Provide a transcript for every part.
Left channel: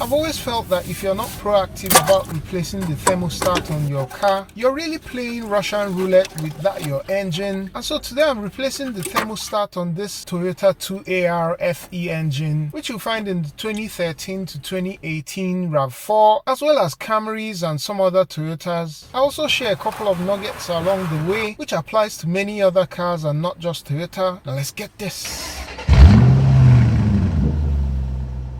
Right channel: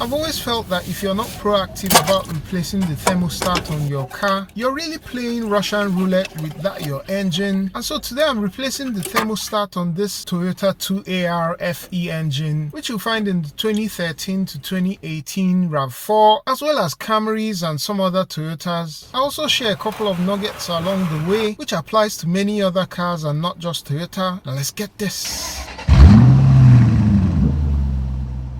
I've always felt that if you're not proactive about replacing the thermostat on your car, you're really playing Russian roulette with that your engine. And so today I'm replacing the thermostat on this Toyota 2AR FE engine, which you'll find in the 2013 to 2018 Rav4, as well as Camrys and some other Toyotas. I also share a couple of nuggets along the way, which applies to many other cars and not just Toyota. Now let's get this.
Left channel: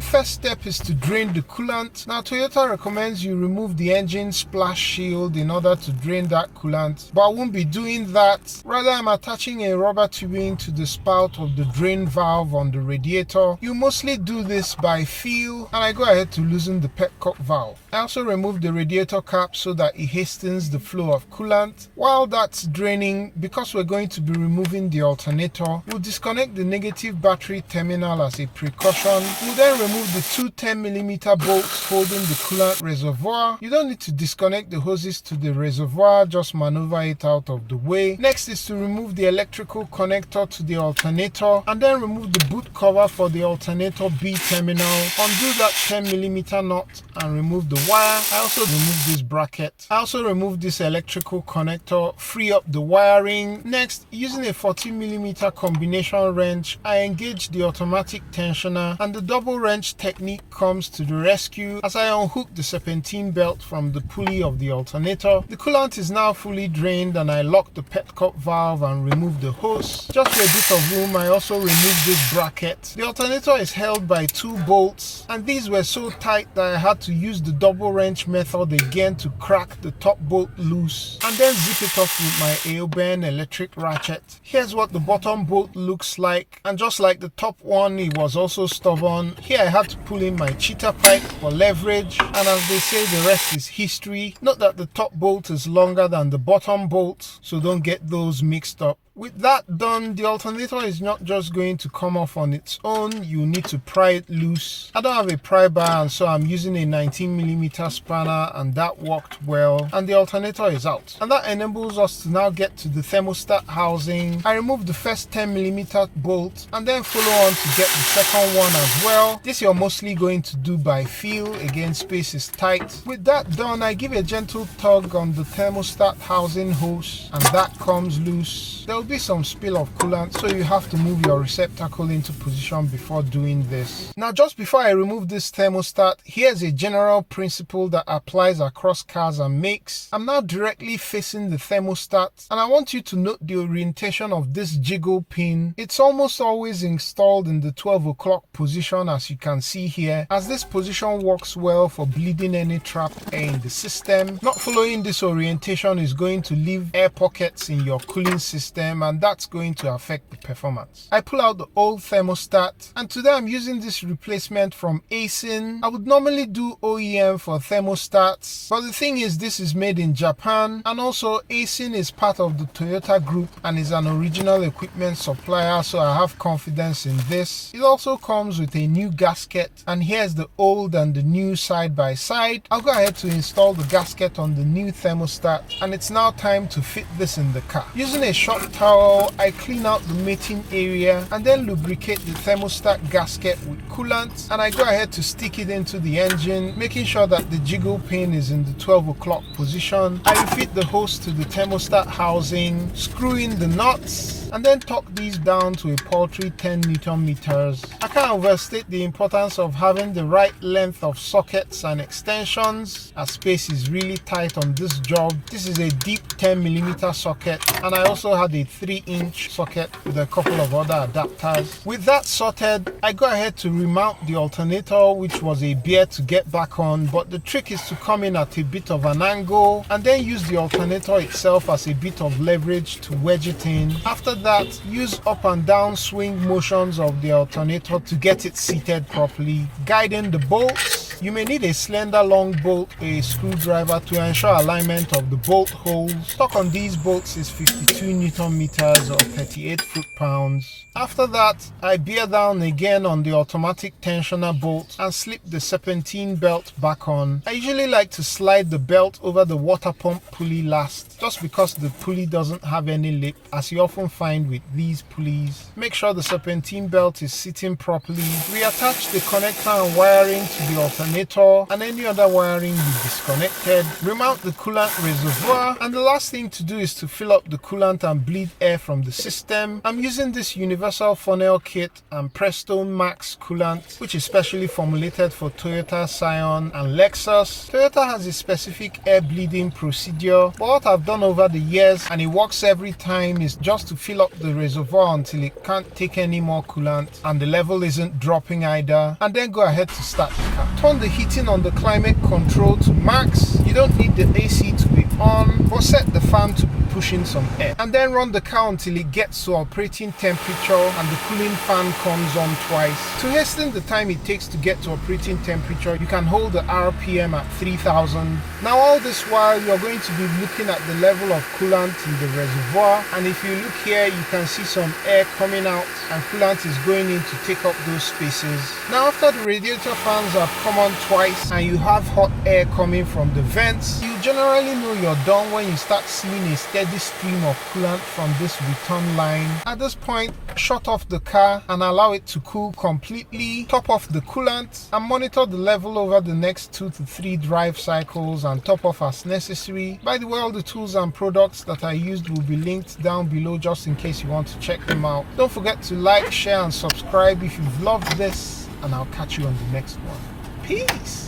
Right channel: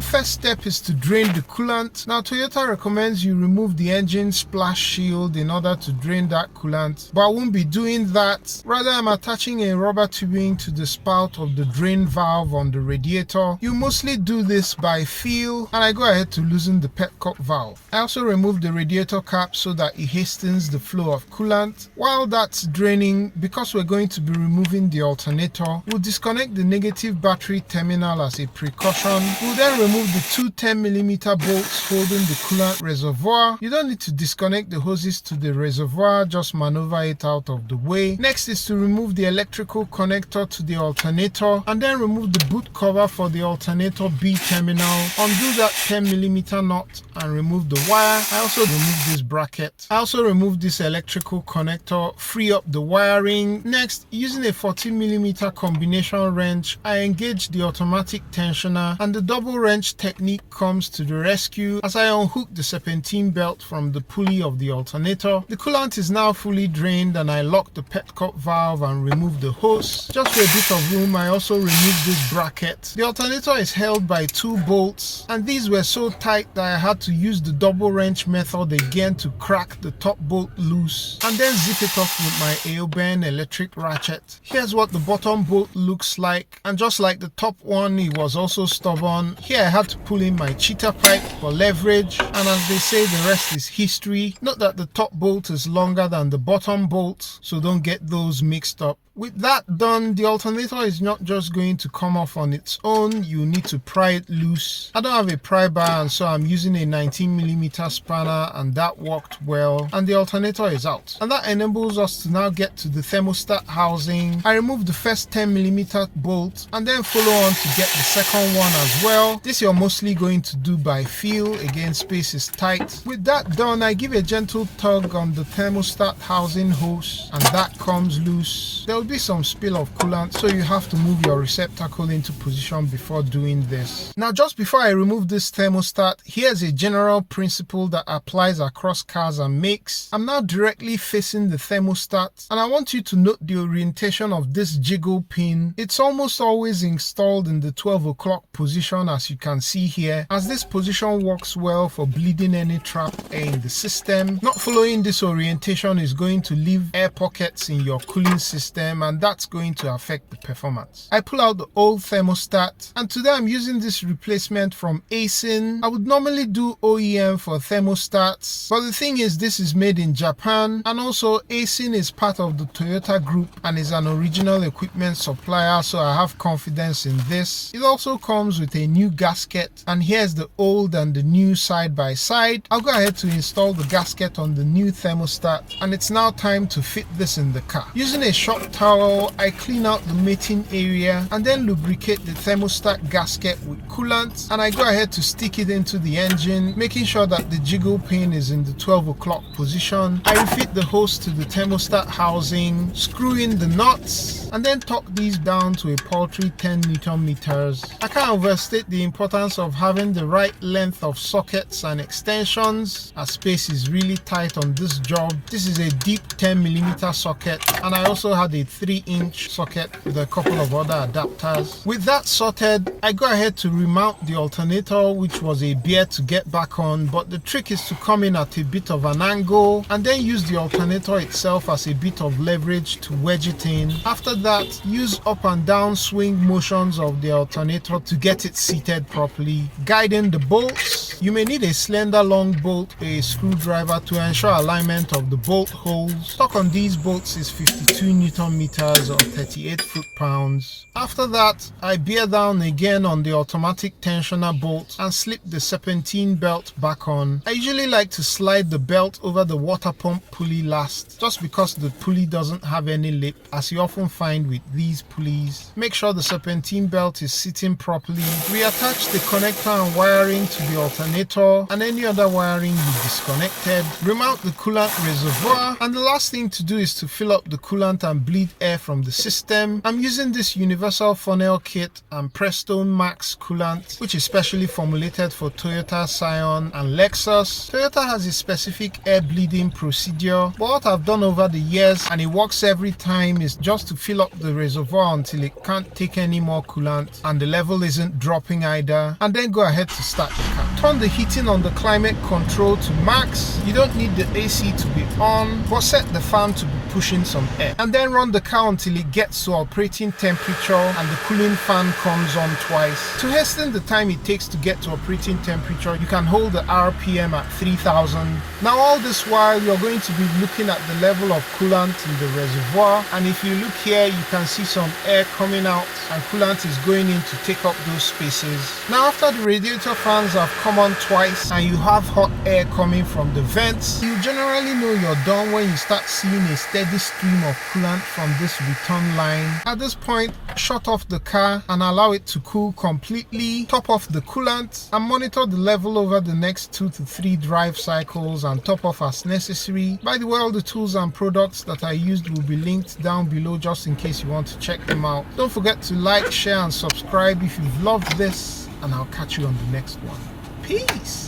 First step is to drain the coolant. Now Toyota recommends you remove the engine splash shield in order to drain that coolant, but I won't be doing that. Rather, I'm attaching a rubber tubing to the spout of the drain valve on the radiator. You mostly do this by feel, and I go ahead to loosen the petcock valve. I also remove the radiator cap so that it hastens the flow of coolant. While that's draining, because we're going to be removing the alternator, we'll disconnect the negative battery terminal as a precaution. We'll then remove the two 10mm bolts holding the coolant reservoir. You don't need to disconnect the hoses to the reservoir, just maneuver it out of the way. Next is to remove the electrical connector to the alternator, and then remove the boot cover for the alternator B terminal. Undo that 10mm nut and remove the wire. I also remove this bracket. I also remove this electrical connector, free up the wiring. Next, using a 40mm combination wrench, I engage the automatic tensioner, and the double wrench technique comes to the rescue as I unhook the serpentine belt from the pulley of the alternator. The coolant is now fully drained, and I lock the petcock valve and remove the hose. Just for a bit of room, I also remove this bracket. The alternator is held by two bolts, and these were so tight that I had to use the double wrench method again to crack the top bolt loose and then zip it off with my Aoben electric ratchet. Here's what the bottom bolt looks like, and just like the top one, it was also stubborn. Here I had to pull in my cheater pipe for leverage, and as they say, the rest is history. Note that the top bolt is longer than the bottom bolt, so don't get those mixed up. With that done, the alternator is not just going to come off on its own. You need to pry it loose. I don't have a pry bar, and so I'm using a 19mm spanner, and that worked well, and the alternator is out. And that enables us to now get to the thermostat housing. I remove the first 10mm bolt and then follow on to get the second one as well. This you're mostly going to do by feel. Again, space is tight. With that done, I give a gentle tug on the thermostat housing hose, and that comes loose. There will be some spill of coolant, so you have to move your receptacle into position before doing this. Now, just before I remove this thermostat, here's a general principle that applies across cars and makes. I'm now directly facing the thermostat, and I want you to note the orientation of this jiggle pin. It's almost always installed in the 12 o'clock position, as you can see here, as this position works well for bleeding any trap air in the system. Not following this orientation is going to leave air pockets in your cooling system, and that's going to affect the performance. I pull out the old thermostat, and today I'm using this replacement from Aisin. I would normally do OEM for thermostats, but the thing is, this is made in Japan, and also Aisin is part of the Toyota group and is an original equipment supplier, so I have confidence in this. It also comes with a new gasket, and here's the old and the new side by side. I'll go ahead to install the gasket on the new thermostat, and it's now time to fit this in the car. Using a shop towel, I clean out the mating area and then lubricate the thermostat gasket with coolant, and I go ahead to stick it into the engine, making sure that the jiggle pin is in the 12 o'clock position. I refit the hose to the thermostat housing, screw in the nuts, and then torque these down to a paltry 10 Newton meters. I can't overstate the importance of having the right length of sockets and extensions, as space is really tight on this job. This is a deep 10mm socket, and I also had a 3-inch socket with a couple of other adapters. With that sorted, I go ahead to remount the alternator, which was a bear to get back on, but the trick is to come in at a bit of an angle and then use the alternator itself as a bit of leverage to wedge it in. After that, use up and down swing motions of the alternator to get it seated properly. Guiding the bolts, you may need a slender long bolt or a screwdriver to ensure alignment of the bolt holes. Torque on these bolts is 52 Newton meters or 38 foot-pounds. After that, I bear down again on the automatic tensioner bolt and slip the serpentine belt back on. I usually like to slide the belt over the water pump pulley last, just because the pulley doesn't have any lip, as you often find with these pulleys. Make sure the serpentine belt is sitting properly. Reattach the connector and wiring to the alternator alternator and any other wiring you disconnected. Remount the coolant reservoir, and the last thing to do is to fill up the coolant and bleed air from the system. I'm using this universal funnel kit and Presto Max coolant, which is specially formulated for Toyota, Scion and Lexus. Toyota has a specific air bleeding procedure, but what I've done over the years, and it works every time, is just to fill up the reservoir until it can't take any more coolant and the level isn't dropping either, and then go ahead to start the car. Turn the heating on the climate control to max. You don't need the AC to be on, but set the fan to be pushing some air, and then run the car until it gets to operating temperature and the cooling fan comes on twice. To hasten the time it takes to get to operating temperature, you can hold the RPM at 3000. Now all this while you're going to be looking at the level of coolant in the reservoir, and if you look here you can see some air coming out and coolant is going in to take up those spaces. Now after the radiator fans have come on twice and you have hot air coming from the vents, you generally know you're done when you start seeing a steady stream of coolant from this return line. At this point, shut off the car and allow it to cool completely. Top off the coolant and monitor the level over the next 2 to 3 drive cycles and top off as necessary. By the way, all the tools and products that I used will be linked down below just in case you want to check them out. Don't forget to like, share and subscribe if you've loved this, and I'll catch you on the next one. Peace!